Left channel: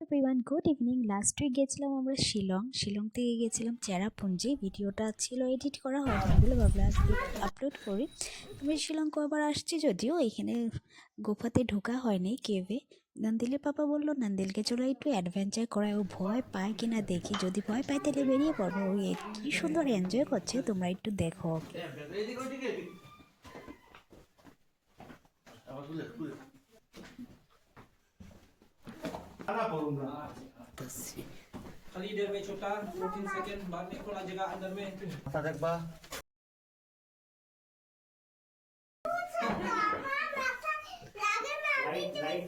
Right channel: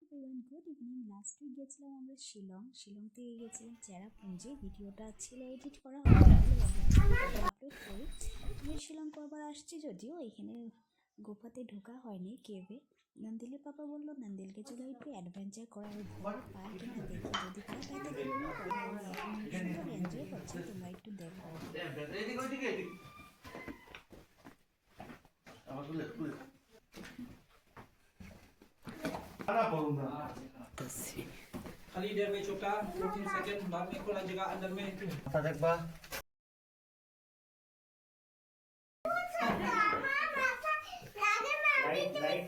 Everyone good evening. Last week গেছিলাম আমরা শিলং থেকে গেছিলাম চেরাপুঞ্জি। ভিডিওটা ছিল এডিট করা হয়নি বলে ভাবলাম আজকে আপলোড করি। আমি শিলং কবার আসছি, যদিও এখানে গুফাতে ঢোকা হয়নি, কেভে। নন্দিলের পাপা বললো নন্দিলকে চলো একটু অ্যাডভেঞ্চার করায়, ও ভয় পায় কিনা দেখি, যদি ভয় পায় তাহলে বেরিয়ে পড়বো। ওই কি সুন্দর এনজয় করছে, তোমরা একটু দেখো ওকে। खाली इधर में छोटा 14 सेकंड बाद में खोला जगह अंदर में देखबा लाइट लाइट